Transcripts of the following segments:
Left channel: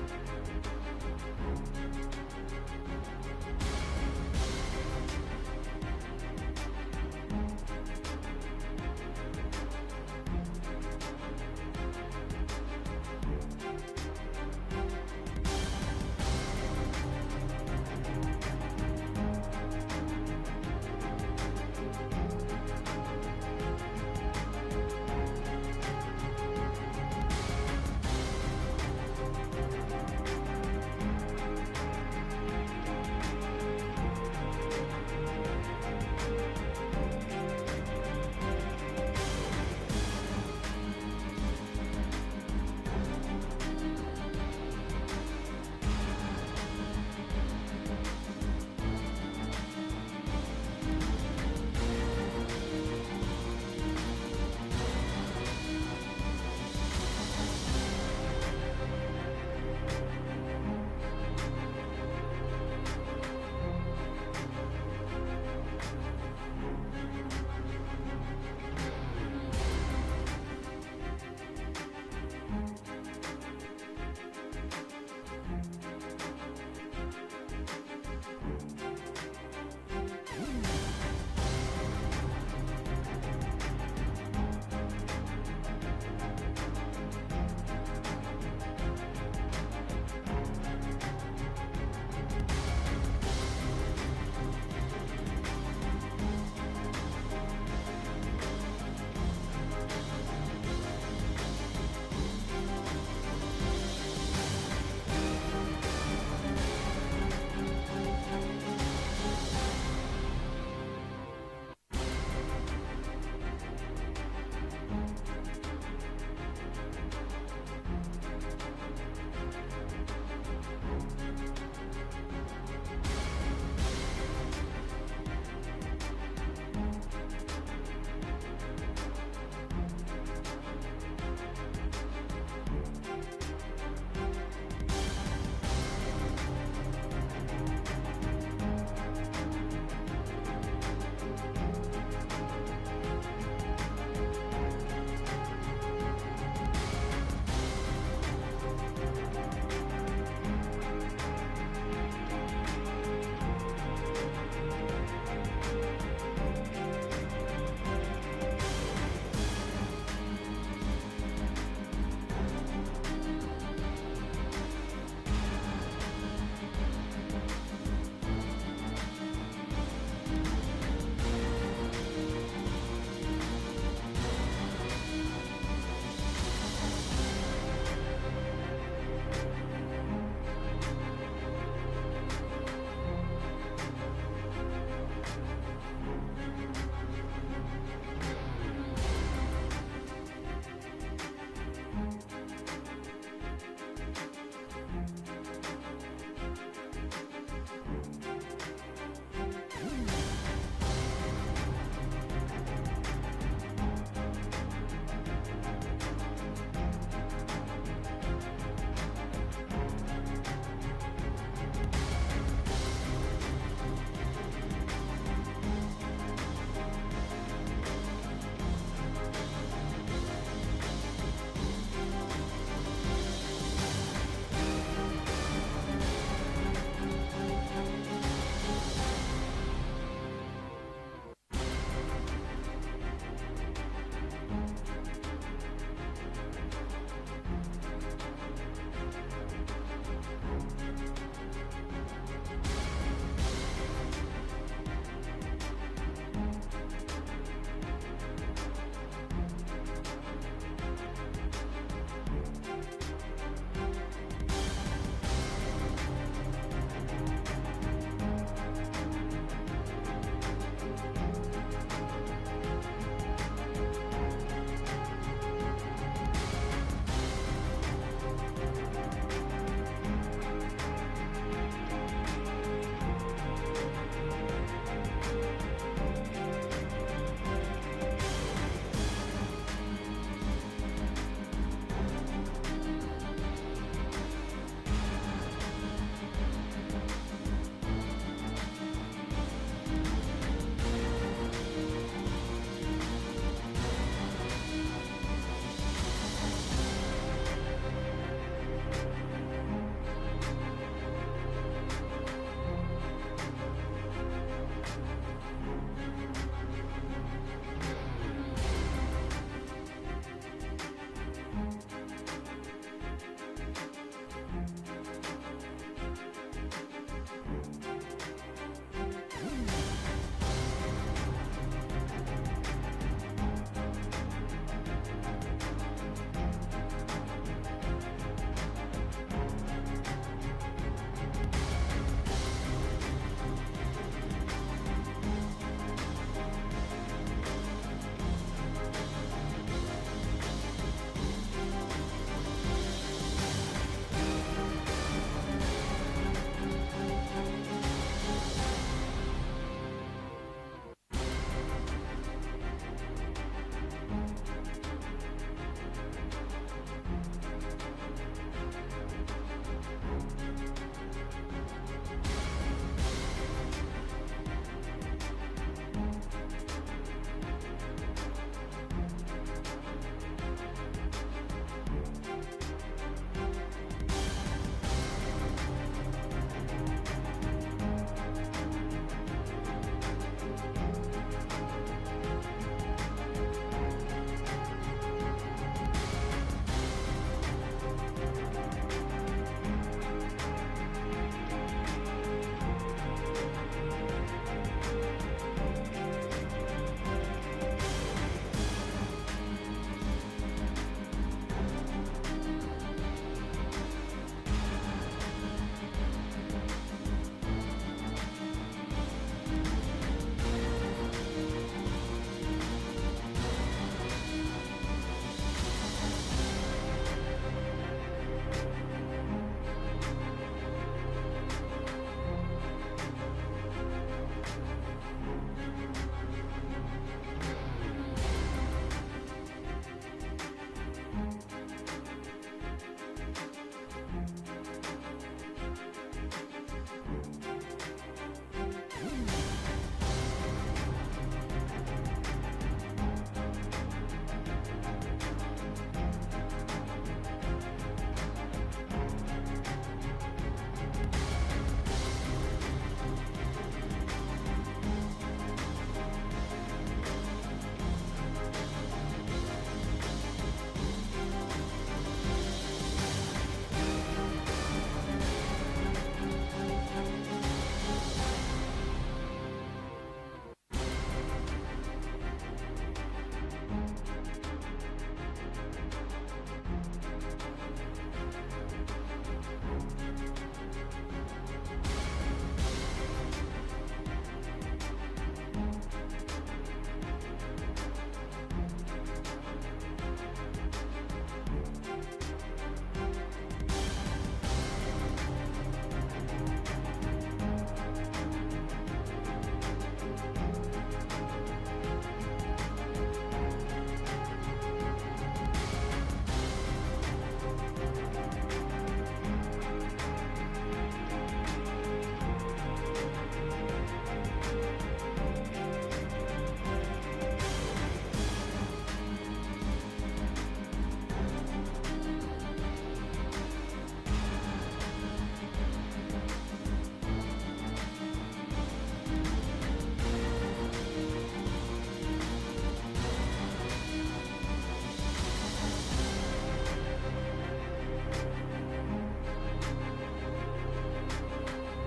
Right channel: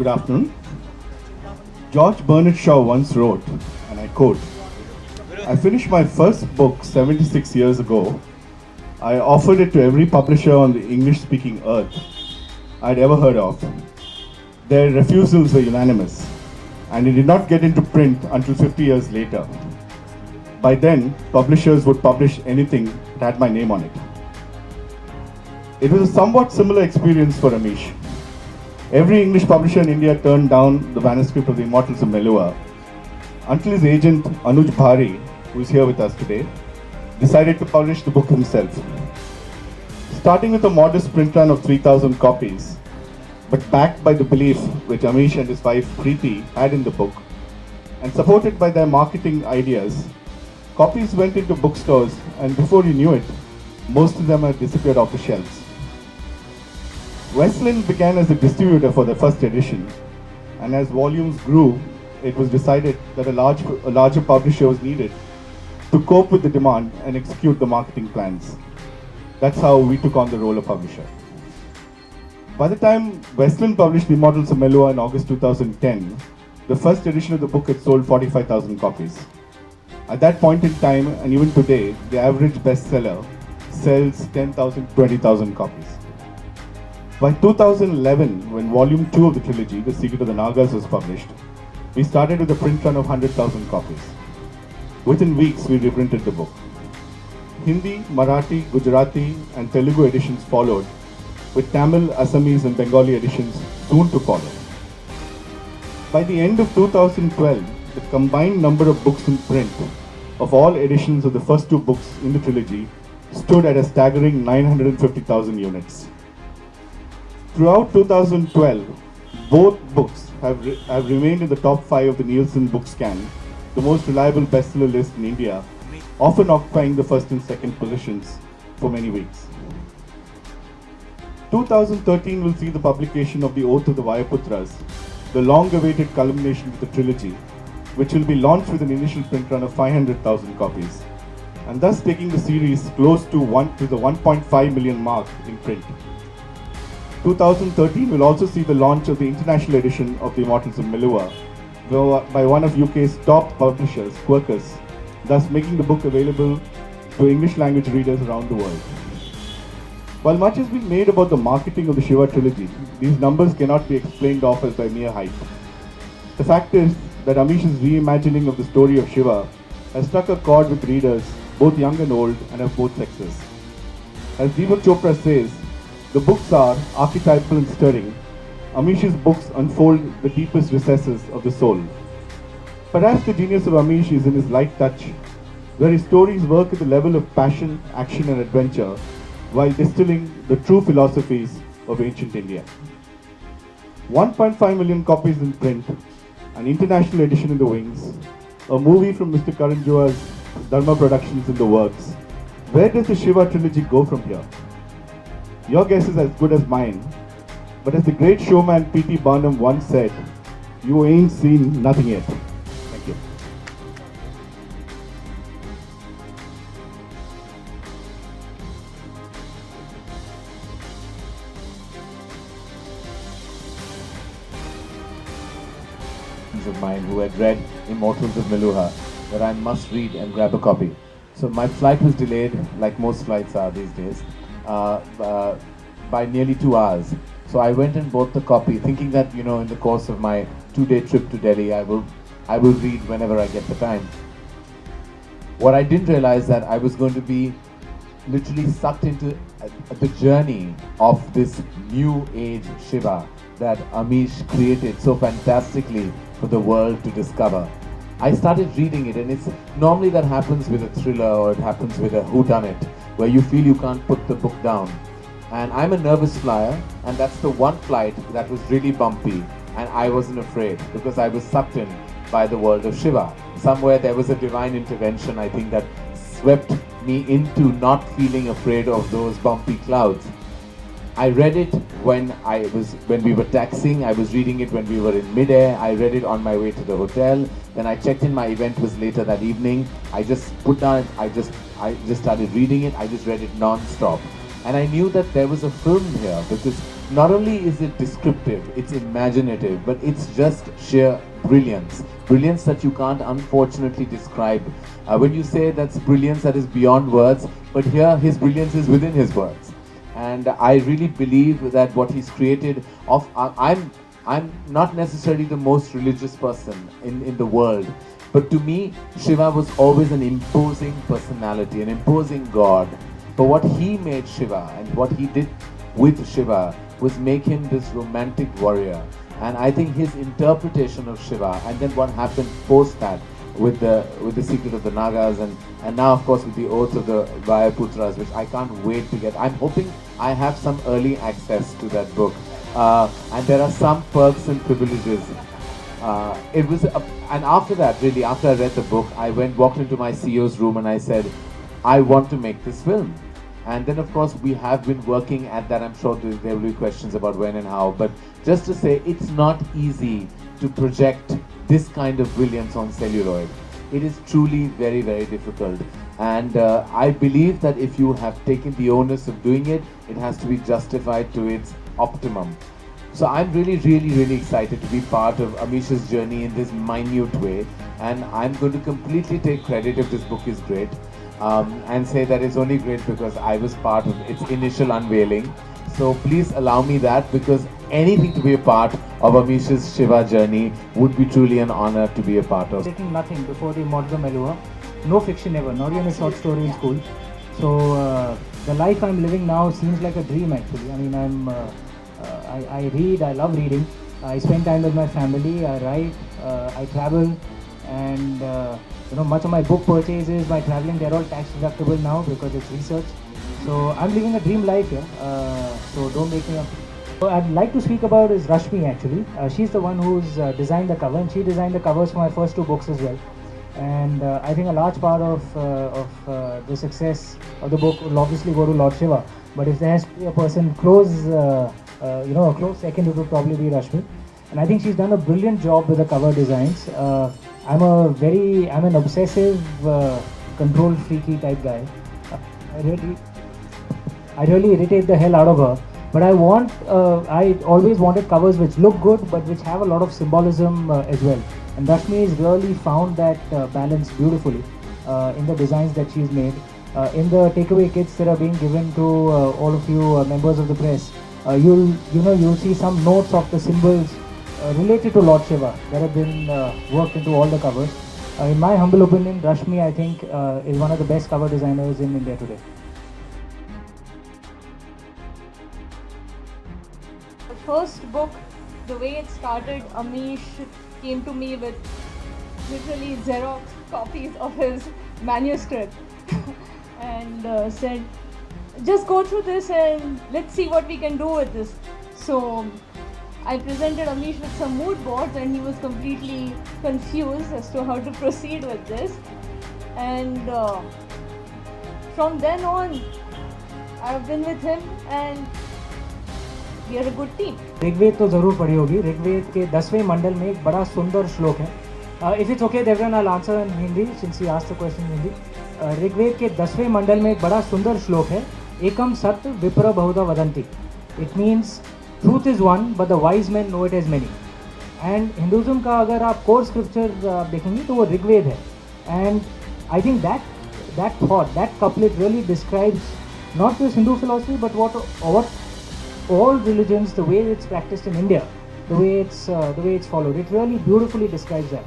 Good afternoon. George Bernard Shaw once wrote, and I quote, I finished my first book 76 years ago. I offered it to every publisher on the English-speaking earth I'd ever heard of. Their refusals were unanimous, and it did not get into print until 50 years later. By then, publishers would publish anything that had my name on it. It was a somewhat similar experience for Amish. Every English publisher in India turned down the manuscript of The Immortals of Melua until his agent Anuj Bhari, who is here with us today, decided to publish the book himself. Starting with a modest print run of 3,000 copies, but backed by the belief which Amish and his wife Preeti had in the book, and supported by their marketing ideas, copies went into bookstores, and before you knew it, most of them had disappeared off the shelves. Wesleyan began as a distributor for the first edition, and as volumes grew, it was decided that a larger publisher was needed to cope with the demand and execute the marketing plans. That's how we took on the role of publisher. By the time Wesleyan published The Immortals of Melua in August 2010, the first edition of the book had sold 45,000 copies. At that point in time, and even today, the average bestseller sells 10,000 to 20,000 copies. By 2011, when Volume 2 of the trilogy, The Secret of the Nagas, was published, we started with a print run of 100,000 copies. Within weeks, we reprinted the book. Hindi, Marathi, Gujarati, and Telugu editions followed, with Tamil, Assamese, and Bengali editions soon to follow. By the end of 2012, the combined number of books in print of all editions of the first two books in the trilogy stood at a staggering 950,000 units. Throughout 2012, both books have remained in the top 5 of the Nielsen Bookscan, the most reliable bestseller list in India, often occupying the first and second positions for many weeks. 2013 will see the publication of The Oath of the Vayuputras, the long-awaited culmination of the trilogy, which will be launched with an initial print run of 500,000 copies, and thus taking the series close to the 1.5 million mark in print. 2013 will also see the launch of the international edition of The Immortals of Melua by one of UK's top publishers, Quercus, thus making the book available to English language readers around the world. While much has been made about the marketing of the Shiva trilogy, these numbers cannot be explained off as by mere hype. The fact is that Amish's reimagining of the story of Shiva has struck a chord with readers, both young and old, and of both sexes. As Deepak Chopra says, the books are archetypal and stirring. Amish's books unfold the deepest recesses of the soul. Perhaps the genius of Amish is in his light touch, where his stories work at the level of passion, action, and adventure, while distilling the true philosophies of ancient India. 1.5 million copies in print, an international edition in the wings, a movie from Mr. Karan Johar's Dharma Productions in the works. Where does the Shiva trilogy go from here? Your guess is as good as mine, but as the great showman P.T. Barnum once said, you ain't seen nothing yet. Thank you. Of mine who had read Immortals of Meluha, that I must read and grab a copy. So my flight was delayed, like most flights are these days, by nearly 2 hours. So I went and bought the copy, thinking that in the course of my 2-day trip to Delhi, I will read whenever I get the time. What I didn't realize that I was going to be literally sucked into the journey of this new age Shiva that Amish created so fantastically for the world to discover. I started reading it, and it's normally that happens with a thriller or it happens with a whodunit, where you feel you can't put the book down. And I'm a nervous flyer, and that's the one flight that was really bumpy, and I wasn't afraid because I was sucked in by the world of Shiva. Somewhere there was a divine intervention, I think, that swept me into not feeling afraid of those bumpy clouds. I read it when we were taxiing. I was reading it when we were in midair. I read it on my way to the hotel. Then I checked in. My event was later that evening. I just put down. I just started reading it. I just read it non-stop. And I knew that there was a film here because not only is it descriptive, it's imaginative, but it's just sheer brilliance. Brilliance that you can't unfortunately describe. When you say that's brilliance that is beyond words, but here his brilliance is within his words. And I really believe that what he's created I'm not necessarily the most religious person in the world, but to me, Shiva was always an imposing personality, an imposing god. But what he made Shiva and what he did with Shiva was make him this romantic warrior. And I think his interpretation of Shiva and then what happened post that with the secret of the Nagas and now of course with the oath of the Vayuputras, which I can't wait to get. I'm hoping I have some early access to that book. And there are some perks and privileges. And after that, really, after I read the book, I walked into my CEO's room and I said, I want to make this film. And then, of course, we have been working at that. I'm sure there will be questions about when and how. But just to say, it's not easy to project this kind of brilliance on celluloid. It is truly very, very difficult. And I believe that if you have taken the onus of doing it, it has to be justified to its optimum. So I'm really, really, really excited to be part of Amish's journey in this minute way. And I'm going to completely take credit if this book is great. And say that it's only great because I was part of its initial unveiling. So please allow me that, because anything to be a part of Amish's Shiva journey would be truly an honor to be a part of. Taking nothing before the Modram Elua, no fiction ever, not even a short story in school. So the life I'm living now seems like a dream actually. I mean, I read, I love reading, I spend time with my family, I write, I travel, and much of my book purchases, my traveling, they're all tax deductible now because it's research. So I'm living a dream life here. So don't make me up. What I'd like to speak about is Rashmi actually. She's the one who's designed the cover, and she designed the covers for my first two books as well. And I think a large part of the success of the book will obviously go to Lord Shiva. But if there has to be a person close, a close second, it would probably be Rashmi. And I think she's done a brilliant job with the cover designs. I'm an obsessive, control freaky type guy. I really irritate the hell out of her. But I always wanted covers which look good, but which have a lot of symbolism as well. And Rashmi has really found that balance beautifully in the designs that she's made. In the takeaway kits that are being given to all of you members of the press, you'll see some notes of the symbols related to Lord Shiva that have been worked into all the covers. In my humble opinion, Rashmi, I think, is one of the best cover designers in India today. The first book, the way it started, Amish came to me with literally Xerox copies of his manuscript and said, just go through this and let's see what we can do with this. So I presented Amish with some mood boards and he was completely confused as to how to proceed with this. And from then on, I've been with him and we are a good team. Rigveda तो जरूर पढ़ी होगी. ऋग्वेद के 10वें मंडल में एक बड़ा सुंदर श्लोक है. If it's okay, Devran, I'll answer in Hindi since he asked the question in Hindi. Rigveda के 10वें मंडल में एक बड़ा सुंदर श्लोक है. एकम सत्य विप्र बहुधा वदन्ति. It means truth is one, but the wise men know it as many. And Hinduism का अगर आप core scripture देखेंगे तो वो ऋग्वेद है. And I think that thought, that couplet really describes not just Hindu philosophy, but what all religions, the way it's practiced in India, the way it's followed. It really beautifully describes that.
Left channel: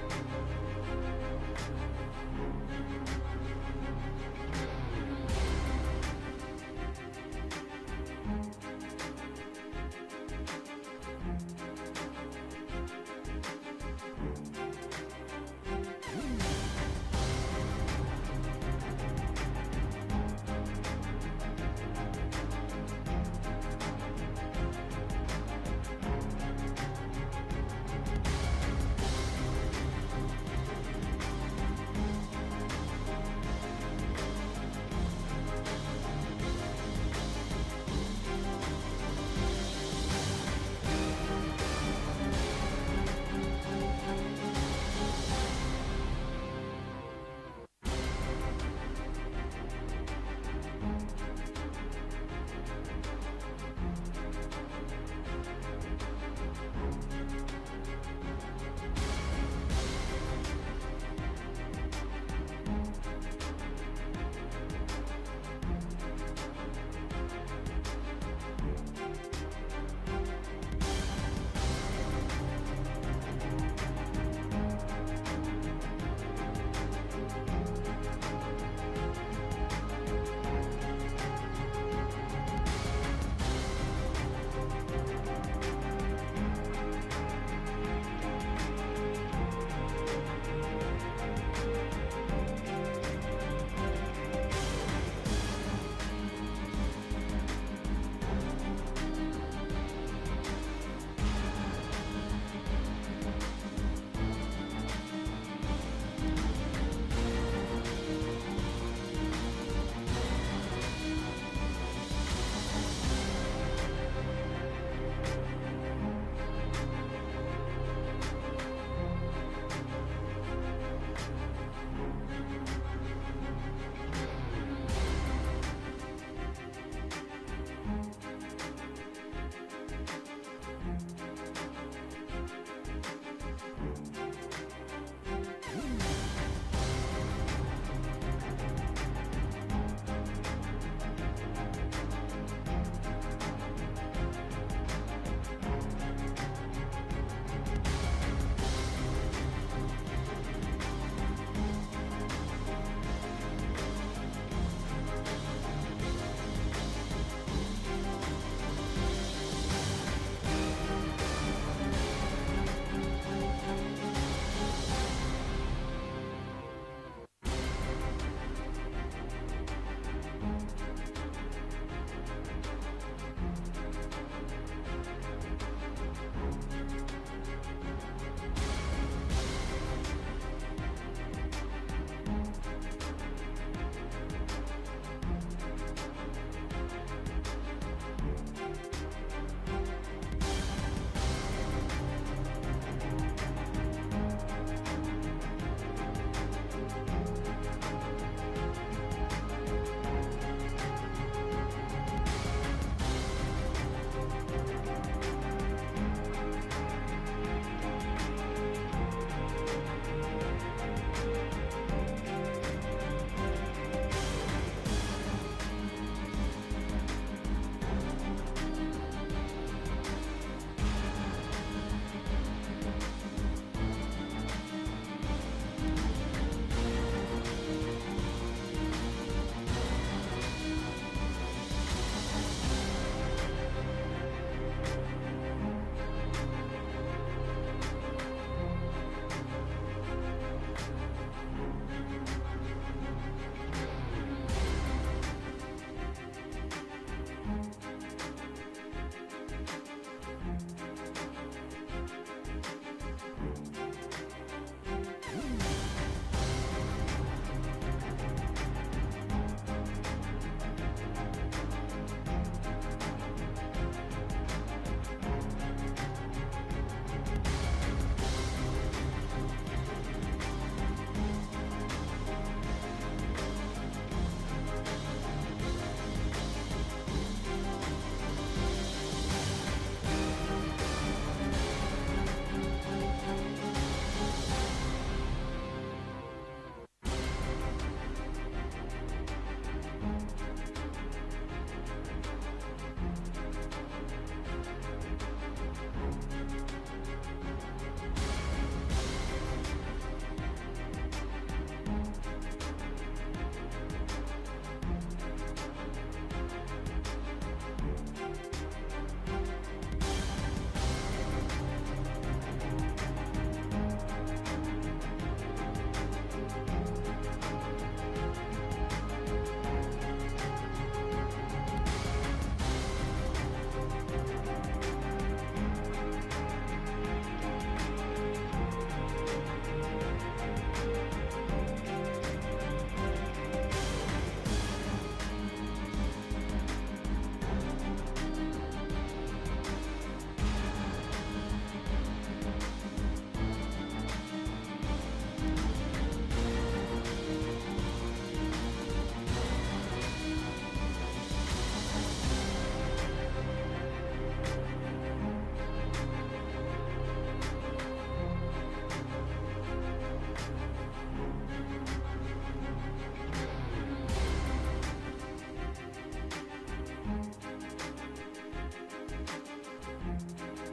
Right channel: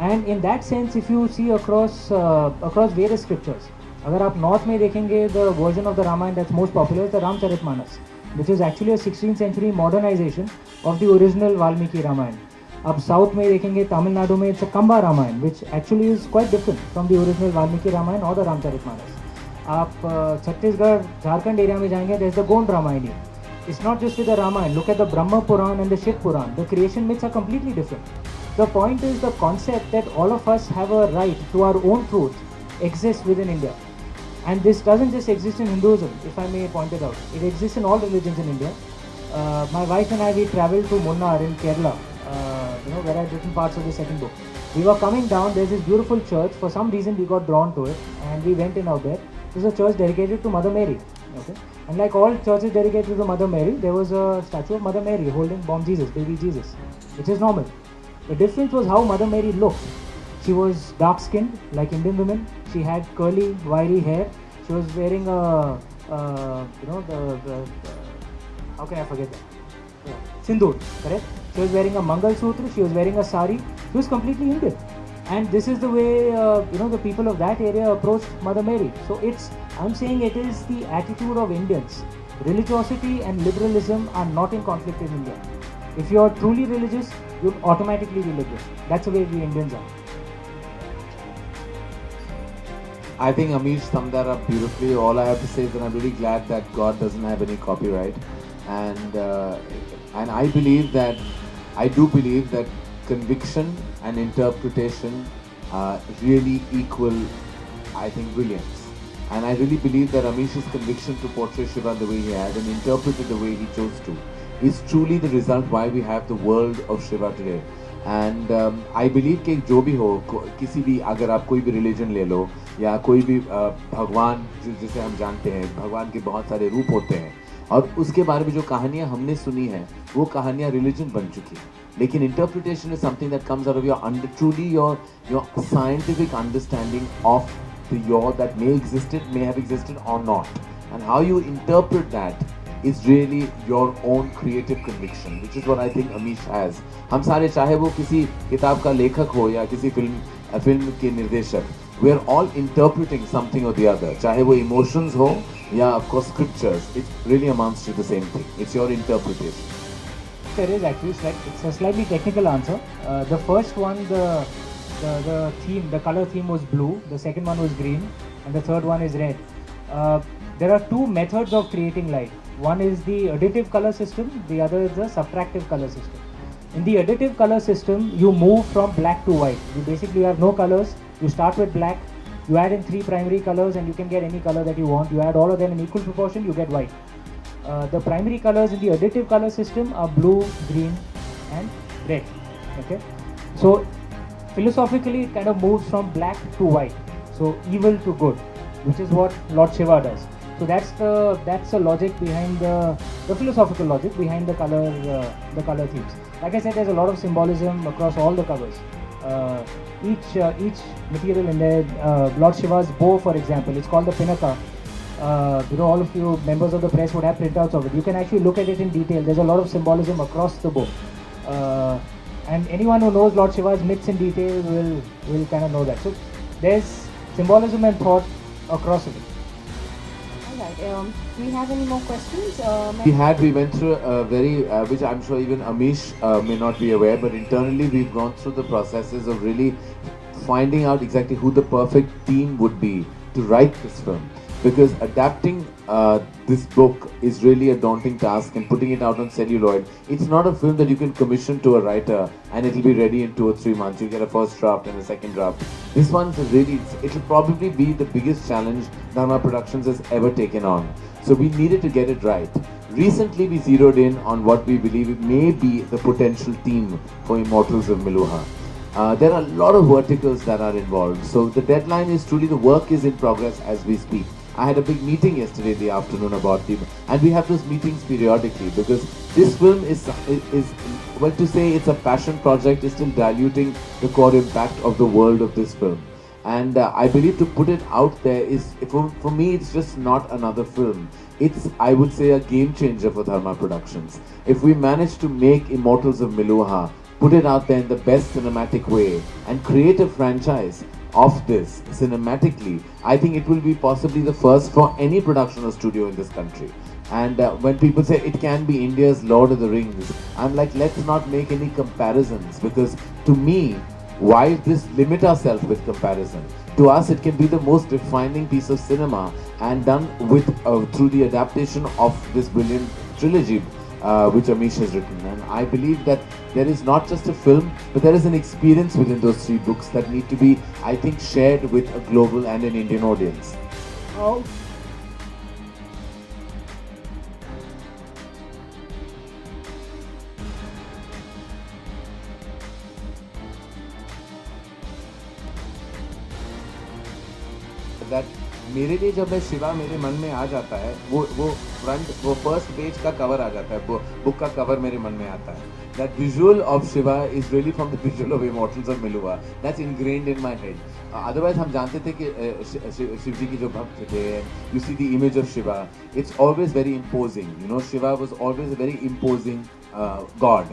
And in that sense, if you see across various scriptures, अगर आप north में देखेंगे, the version of the Ramayana that's most popular is the Ramcharitmanas, which is actually a 16th century modernization of the original Valmiki Ramayana. आप south में देखेंगे, Tamil Nadu में it's a Kamba Ramayana, which actually is quite different from the original Valmiki Ramayana or the Ramcharitmanas. आप Chhattisgarh, Jharkhand area में जाएंगे, there's the Gond Ramayana. It's not just with the Ramayana. Look at the Brahma Puran and the Shiv Puran. The creation myths are completely different. The point is the concept that all of us have a right to our own truth exists within India. And this doesn't just exist in Hinduism, if I may point it out. It exists in all religions in India. My wife and I, we traveled to Munnar in Kerala, where I've written parts of the second book. We were coming down, there's this beautiful church. For some reason, we got drawn to it and we went in out there. It was a church dedicated to Mother Mary. Okay, and like all churches dedicated to Mother Mary, there was a statue of Mother Mary holding bomb Jesus, baby Jesus, which is normal. The difference was how Mother Mary looked. She was dark-skinned, like Indian women. She had curly, wiry hair. She was wearing a, how can I forget that? Sindoor, correct? She was wearing a Mangal Sutra. She was wearing a sari. She was completely Indian. And this is the way, the people of that area approached Mother Mary. So I'm saying it is the attitude of Indians. Religiosity and liberalism are not in conflict in India. If you are truly religious, you'll automatically be liberal. That's the way we Indians are. I think Amish summed that up beautifully. All I have to say is that I'm really glad that God doesn't have any copyright, and I do believe that conviction and interpretation really equal, I think, brilliance. And I really believe that Amish's conviction to portray Shiva the way he had and interpret it the way he chose to is truly the result why we have the world of Shiva today. And I believe कि जो भी हो, किसी भी, अगर आप कोई भी रिलीजन ले लो या कोई भी भगवान जिसे हम जानते हैं, भगवान के बहुत सारे रूप होते हैं और उसके बारे में जो कहानियाँ हमने सुनी हैं वो कहानियाँ रिलीजन बन चुकी हैं. लेकिन interpretation is something that comes out of your truly your scientific understanding of the your that may have existed or not, and how you interpret that is really your own creative conviction, which is what I think Amish has. हम सारे, चाहे वो किसी किताब का लेखक हो या किसी फिल्म के निर्देशक, we are all interpreting something or the other. चाहे वो emotions हो या of course scriptures, it really amounts to the same thing. It's your interpretation. There is actually it's a slightly technical answer. The first one, the theme, the color theme was blue. The second one was green, and the third one is red. There are two methods of creating light. One is the additive color system, the other is the subtractive color system. In the additive color system, you move from black to white. You basically have no colors. You start with black, you add in 3 primary colors and you can get any color that you want. You add all of them in equal proportion, you get white. The primary colors in the additive color system are blue, green and red. Okay? So philosophically it kind of moves from black to white. So evil to good, which is what Lord Shiva does. So that's the logic behind the philosophical logic behind the color themes. Like I said, there's a lot of symbolism across all the colors. Each material in there, Lord Shiva's bow, for example, it's called the Pinaka. All of you members of the press would have printouts of it. You can actually look at it in detail. There's a lot of symbolism across the bow. And anyone who knows Lord Shiva's myths in detail will kind of know that. So there's symbolism and thought across it. Do you have any more questions? We went through a very, which I'm sure even Amish may not be aware, but internally we've gone through the processes of really finding out exactly who the perfect team would be to write this film. Because adapting this book is really a daunting task, and putting it out on celluloid, it's not a film that you can commission to a writer and it'll be ready in 2 or 3 months. You get a first draft and a second draft. This one's really, it will probably be the biggest challenge Dharma Productions has ever taken on. So we needed to get it right. Recently we zeroed in on what we believe may be the potential theme for Immortals of Meluha. There are a lot of verticals that are involved. So the deadline is truly, the work is in progress as we speak. I had a big meeting yesterday in the afternoon about it, and we have those meetings periodically because this film is well, to say it's a passion project is still diluting the core impact of the world of this film. And I believe to put it out there is, for me, it's just not another film. It's, I would say, a game changer for Dharma Productions. If we manage to make Immortals of Meluha, put it out there in the best cinematic way, and create a franchise of this cinematically, I think it will be possibly the first for any production or studio in this country. And when people say it can be India's Lord of the Rings, I'm like, let's not make any comparisons, because to me, why this limit ourselves with comparison? To us, it can be the most defining piece of cinema, and done with through the adaptation of this brilliant trilogy which Amish has written. And I believe that there is not just a film, but there is an experience within those 3 books that need to be, I think, shared with a global and an Indian audience. Oh. That मेरे लिए जब मैं शिवा मेरे मन में आ जाता है, वो फर्स्ट पेज का कवर आ जाता है, वो बुक का कवर मेरे मन में आता है. That visual of Shiva is really from the visual of Immortals of Miluva. That's ingrained in my head. Otherwise हम जानते थे कि शिव जी की जो भक्त थे, you see the image of Shiva, it's always very imposing. You know, Shiva was always a very imposing god.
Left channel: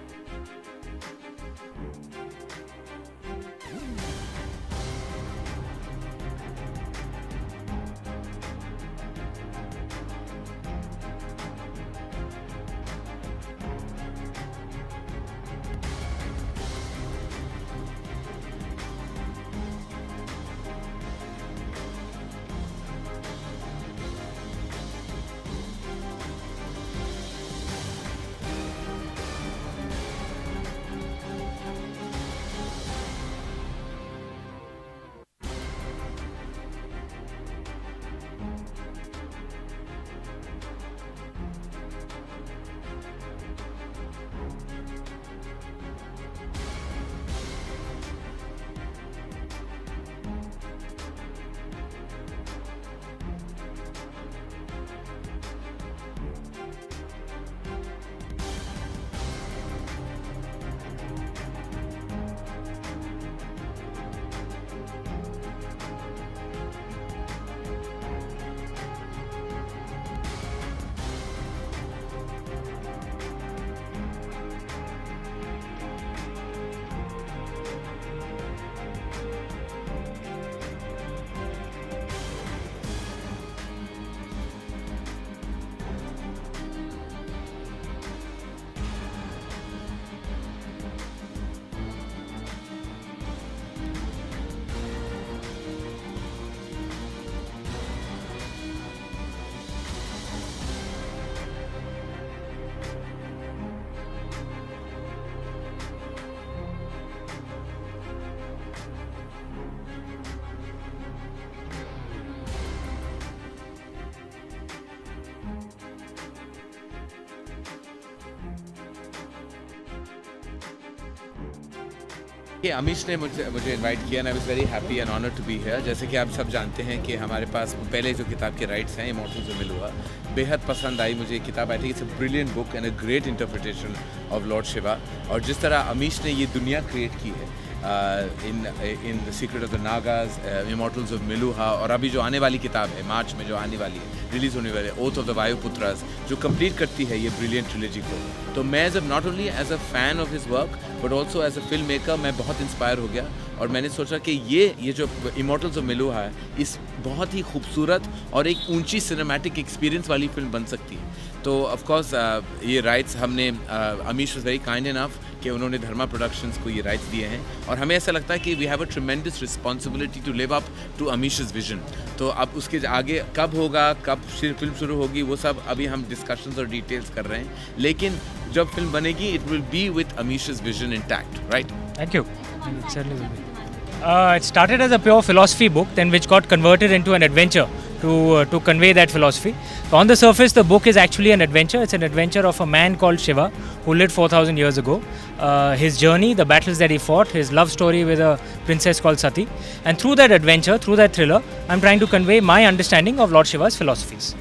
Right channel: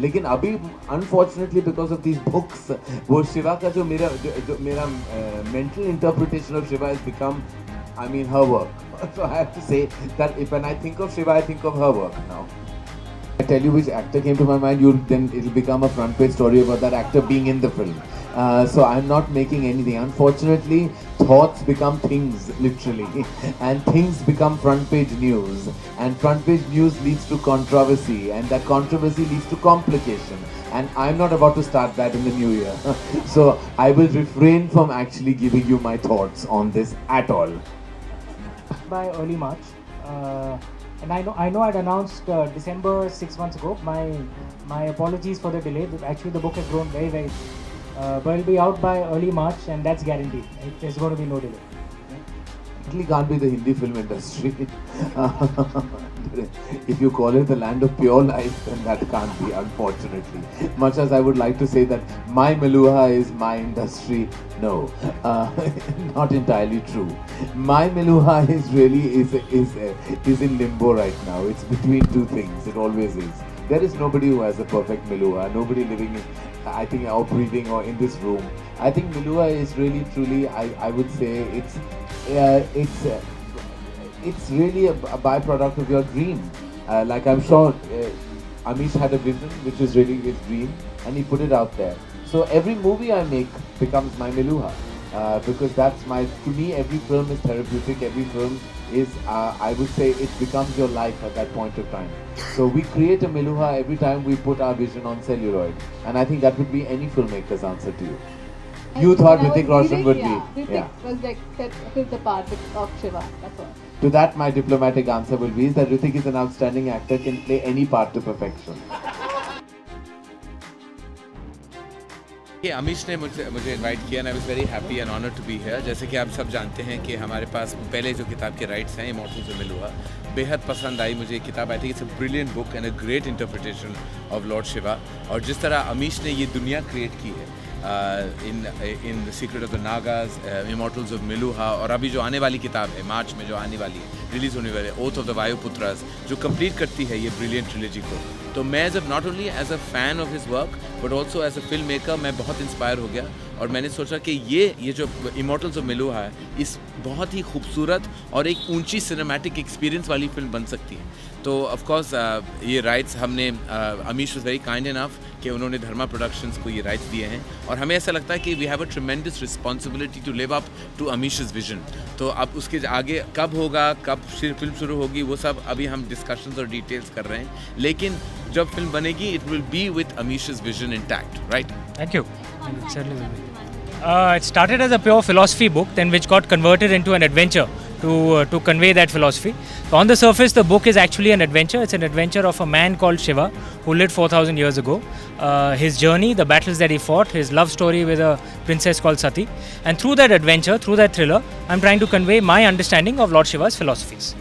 लेकिन अभी unfortunately because of these books, वो शिवा का जो मेरा mental interpretation of Shiva has become, I mean, her work. So I have to say that when I think of Shiva, I think of her work now. I tell you which actor came to my mind, then it'll become a front page story about that actor being in the film. So I'm not making anything. Unfortunately, thoughts become things, literally, and things become front page news, and front page news leads to controversy, and that controversy leads to complication. And I'm not about to start that in the new year. So I will refrain from actually giving you my thoughts on this at all. By early March. And I know I'd announced December 6 months ago. My apologies for the delay. Actually, the book has grown very, very. But it'll be out by early March, and that's guaranteed. There's going to be no delay. It can't be the Hindi film industry. If you call it the land of pure life, then that can't be, unfortunately. Much as I would like to say that my Meluha is my industry, no, not entirely true. My Meluha is really is in limbo right now. It's between two things. It always is. There is nobody who has a perfect Meluha. Nobody living in, I think, out breathing or in this room. I think Meluha is really, truly, I would say, it's really a byproduct of your dream. Like I'm sure Amish had a vision which was really his dream, and he put it out there. So every movie I make becomes my Meluha, because that's to me every film is therapeutic. Every film is, I would say, it becomes your life at that point of time. So we create a Meluha every time we put our vision on celluloid, and I think that would be any filmmaker's answer to you. You thought Hrithik Roshan would be. Hrithik was like that took the part of Shiva. That's all. To that, my diplomatic answer will be that Hrithik is an outstanding actor, can play any part to perfection. कि अमीश ने मुझे invite किया, and I was very happy and honoured to be here. जैसे कि आप सब जानते हैं कि हमारे पास पहले जो किताब के राइट्स हैं इमॉर्टल्स ऑफ मिलुआ, बेहद पसंद आई मुझे ये किताब. I think it's a brilliant book and a great interpretation of Lord Shiva. और जिस तरह अमीश ने ये दुनिया क्रिएट की है in the secret of the Nagas, immortals of Meluha, और अभी जो आने वाली किताब है मार्च में जो आने वाली है, रिलीज़ होने वाली है, ओथ ऑफ द वायुपुत्रास, जो कंप्लीट करती है ये ब्रिलियंट ट्रिलॉजी को. तो मैं not only as a fan of his work but also as a film maker मैं बहुत इंस्पायर हो गया, और मैंने सोचा कि ये जो इमॉर्टल्स ऑफ मिलुहा है, इस बहुत ही खूबसूरत और एक ऊंची सिनेमैटिक एक्सपीरियंस वाली फिल्म बन सकती है. तो ऑफ कोर्स ये राइट्स हमने Amish was very kind enough कि उन्होंने धर्मा प्रोडक्शंस को ये राइट्स दिए हैं, और हमें ऐसा लगता है कि we have a tremendous responsibility to live up to Amish's vision. तो अब उसके आगे कब होगा, कब फिल्म शुरू होगी, वो सब अभी हम डिस्कशंस और डिटेल्स कर रहे हैं, लेकिन जब फिल्म बनेगी it will be with Amish's vision intact, right? Thank you. It certainly will be. It started as a pure philosophy book, then which got converted into an adventure to convey that philosophy. So on the surface, the book is actually an adventure. It's an adventure of a man called Shiva who lived 4,000 years ago. His journey, the battles that he fought, his love story with a princess called Sati. And through that adventure, through that thriller, I'm trying to convey my understanding of Lord Shiva's philosophies.